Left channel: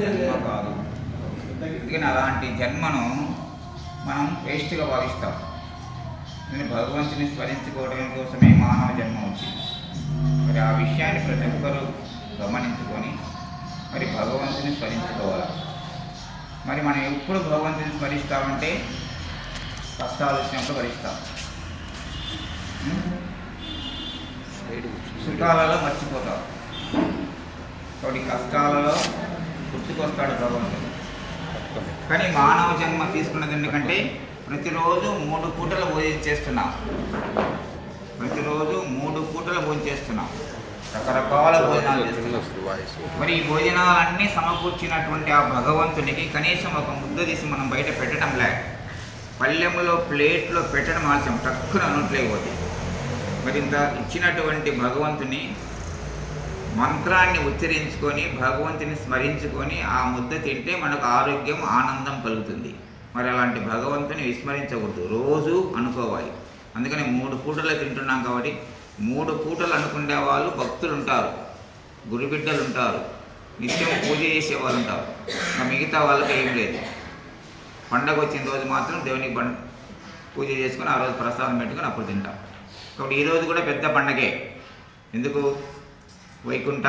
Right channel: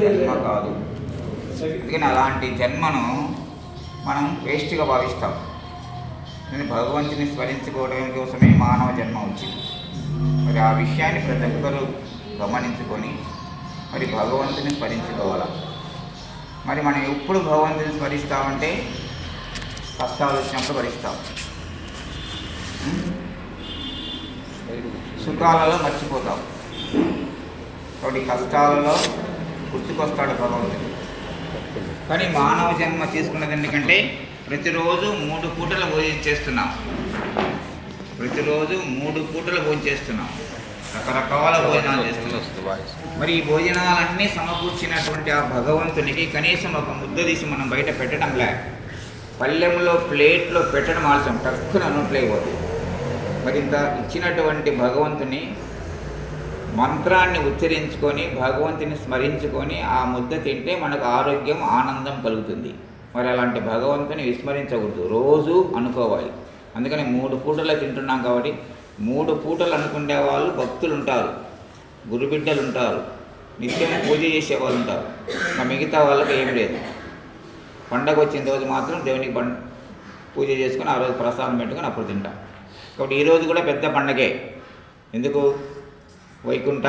జన్మ కాదు. అందుకని అలాంటి జన్మను మనం వేస్ట్గా భావిస్తాం. నేను భగవంతుని స్మరించుకోవడం కోసమే మానవ జన్మ వచ్చింది. మరి ఆ విషయాన్ని ప్రతి ఒక్కరూ గమనించుకొని మరి భగవంతుని స్మరించుకోవాలి? మరి మనం ఎప్పుడు భగవంతుని స్మరిస్తామంటే కష్టాలు వచ్చినప్పుడు భరిస్తాం? సుఖాలలో మర్చిపోతాం. కాబట్టి కష్టాలలో గుర్తుకొస్తాడు భగవంతుడు. కానీ మానవ జన్మ తీసుకున్నది ఎందుకంటే ప్రతిరోజు మూడు పూటల భోజనం చేస్తున్నాం. ప్రతిరోజు మూడు పూటల భోజనం చేస్తున్నాం. రకరకాల భోజనాలు చేస్తున్నాం. మరి ఈ భోజనాలన్నీ సమకూర్చినటువంటి ఆ భగవంతునికి కనీసం ఒక ముద్ద తీసి మనం బయట పెట్టడం లే. పళ్ళెంలో ప్లేట్లో పెట్టడం ఆలస్యం. టక్కున నోట్లో అయిపోతుంది మరి ఇంత ఇచ్చినటువంటి భగవంతుని మంత్రాన్ని ఉచ్చరించుకొని భగవంతుని స్మరించుకొని ఆ ముద్ద తింటే మనకు ఆరోగ్యం ఆనందం కలుగుతుంది. మరి అలాంటి భగవంతుని విస్మరించకూడదు. రోజు అనుకోవాలి. అందుకని మూడు పూటలు తింటున్నాం కాబట్టి మూడు పూటలు అనుకునే వాళ్ళు భక్తులు ఉంటారు గురుబిడ్డలు ఉంటారు నిత్యం పూజ చేసే వాళ్ళు ఉంటారు మిగతా వాళ్ళకి ఏం లేదు. పండగ వచ్చిన రోజు మాత్రం దేవునికి పం పూజ చేసుకొని ఆ రోజు ప్రసాదం పెట్టుకొని అప్పుడు తింటాం. కాబట్టి ఈరోజు కూడా పెద్ద పండగే. ఎందుకు? వైకుంఠ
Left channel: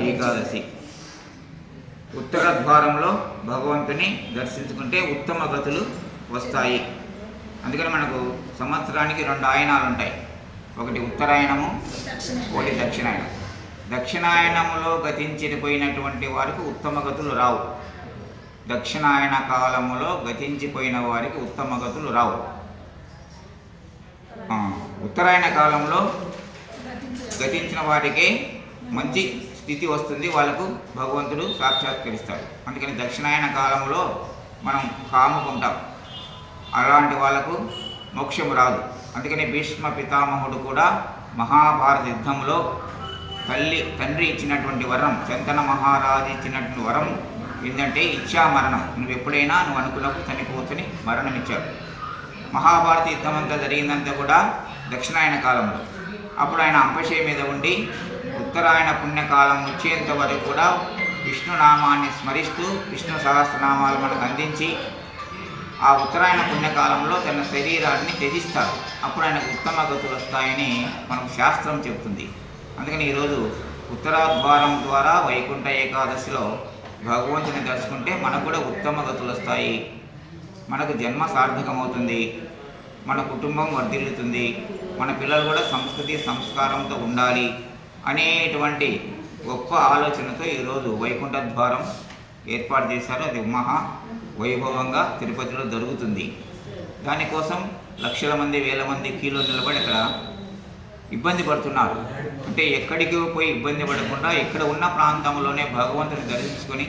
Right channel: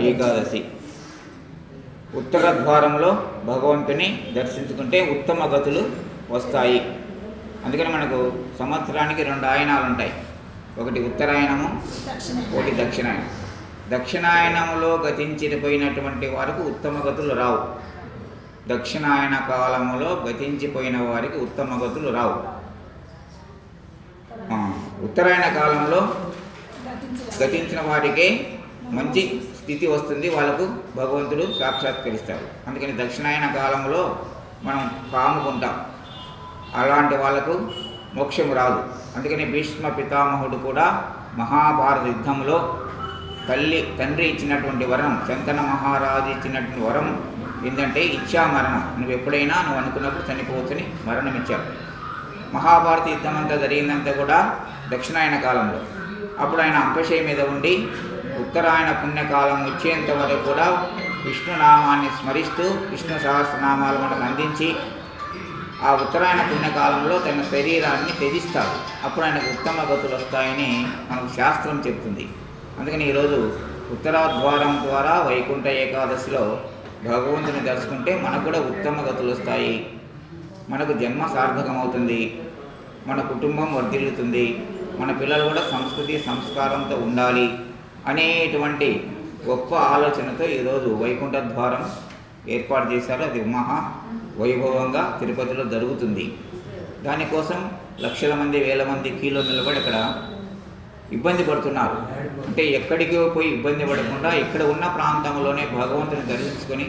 ఏకాదశి. ఉత్తర ద్వారంలో భగవంతుని దర్శించుకుంటే ఉత్తమ గతులు వస్తాయి. అందుకని మనకు సంవత్సరానికి రెండు ఆయనాలు ఉంటాయి. ఒకటి ఉత్తరాయణము ఒకటి దక్షిణాయనం దక్షిణాయనములో గతించిపోయినటువంటి వారికి ఉత్తమ గతులు రావు. దక్షిణాయన కాలంలో గతించిపోయిన వారికి ఉత్తమ గతులు రావు. ఉత్తరాయణ కాలంలో గతించిన వారికే మంచి స్థితి వస్తుంది. వాళ్ళకు భగవంతుడు సాక్షాత్కరిస్తాడు. అందుకని దక్షిణాయన కాలంలో మనం కాముకుంటాం అలాంటి వాళ్ళకు మోక్షం రాదు. అందుకని భీష్మ పితామహుడు కూడా మహాభారత యుద్ధంలో తల్లి తండ్రి ఇచ్చినటువంటి వరం శంకన మహారాజు ఇచ్చినటువంటి వరం ఏంటంటే ఇచ్చా మరణం నువ్వు ఎప్పుడైనా నువ్వు అనుకున్నప్పుడు చనిపోవచ్చని మరణం ఇచ్చారు. మహాభారత యుద్ధం అంతా జరిగిందంతా కూడా దక్షిణాయన కాలంలో. అప్పుడు ఆయన అంపశయ మీద ఉండి ఉత్తరాయణ పుణ్యకాలం వచ్చేంత వరకు కూడా విష్ణునామాన్ని స్మరిస్తూ విష్ణు సహస్రనామాలు మనకు అందించి ఆ ఉత్తరాయణ పుణ్యకాలంలో తన శరీరాన్ని త్యజిస్తాడు అప్పుడు ఆయనకు ఉత్తమ గతులు వస్తాయని మనకు శాస్త్రం చెప్తుంది. అందుకని ఈరోజు ఉత్తరాద్వారం ద్వారా వైకుంఠ ఏకాదశిలో భగవంతుని దర్శకుంటే మనకు కూడా ఉత్తమ గతులు వస్తాయి. మనకు జన్మ సార్థకమవుతుంది. మన కుటుంబం వర్ధిల్లుతుంది. మన పిల్లలు కూడా సంస్కృతి సంస్కారంతో ఉండాలి అనేటువంటి గొప్ప ఆలోచనతో ఈరోజు వైకుంఠ ద్వారం ఏర్పాటు చేశారు. అది మహా వైభవంగా తిరుపతిలో జరుగుతుంది. దానికోసం లక్షల మంది వేల మంది కీలో నిలబడి అక్కడ ఇబ్బంది పడుతున్నారు. అంటే ఎక్కడికి పోయి ఇబ్బంది పడకుండా ఇక్కడ ఉన్న ప్రాంతంలోనే భగవంతుని దర్శించుకొని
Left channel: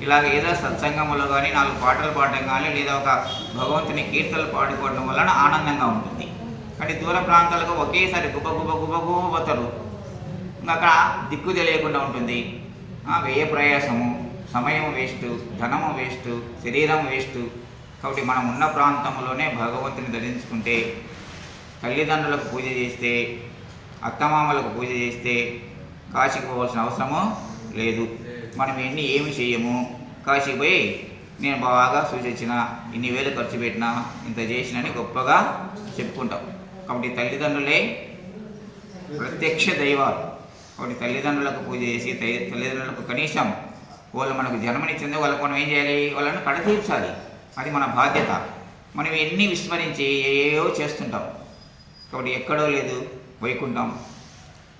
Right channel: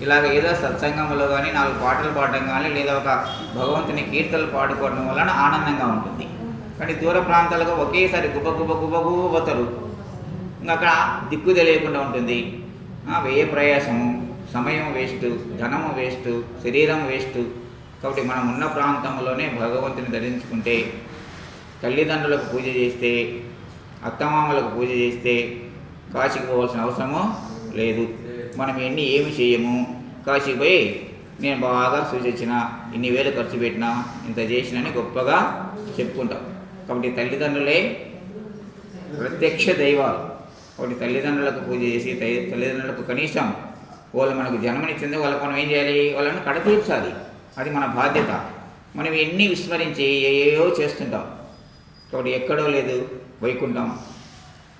ఇలాగ ఏదో సత్సంగంలో కానీ నాలుగు పాటలు పాడడం కానీ లేదా ఒక భగవంతుని కీర్తనలు పాడుకోవడం వలన ఆనందంగా ఉంటుంది. కానీ దూర ప్రాంతాలకు ఒకేసారి గుబ గుబ గుబ గుబ పోతారు. ఇంకా అక్కడ దిక్కు తెలియకుండా ఉంటుంది. ఆ, వ్యయ ప్రయాసము సమయం వేస్ట్ ధనము వేస్ట్ శరీరం వేస్ట్. కాబట్టి మనం ఉన్న ప్రాంతంలోనే భగవంతుని ధరించుకుంటే తల్లిదండ్రులకు పూజ చేస్తే అత్తమామలకు పూజ చేస్తే కాశీకి పోవాల్సిన అవసరము లేదు. మనం ఎన్ని ఏమి చేయము. కాశీకి పోయి నేను బాగా సూచించిన ఇన్ని వేలు ఖర్చు పెట్టినా ఇంత చేసినని గొప్పగా చెప్పుకుంటాం. కాబట్టి తల్లిదండ్రులే ప్రత్యక్ష దైవాలు. కాబట్టి తల్లిదండ్రులకు పూజ చేసి తల్లిదండ్రులకు కనీసం వాళ్ళు మనకు జన్మనిచ్చింది వాళ్ళకి మనం ఏం చేయాలి? వాళ్ళని కడతీర్చాలి. అది మన బాధ్యత. మనం ఎన్ని విస్మరించి ఏయో చేస్తుంటాం. కాబట్టి ఎక్కడో లేదు వైకుంఠం.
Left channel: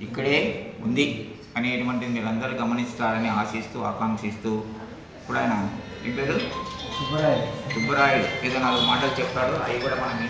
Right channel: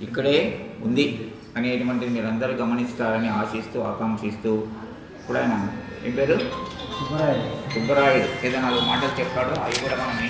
ఇక్కడే ఉంది. అనేటువంటిది మీరు అందరూ గమనిస్తారని ఆశిస్తూ ఆకాంక్షిస్తూ ఇప్పుడు ఆయన ఏం పేరు? సుబ్బరాయుడు. ఏదో నాలుగు మాటలు చెప్పాడు అవి కూడా మనం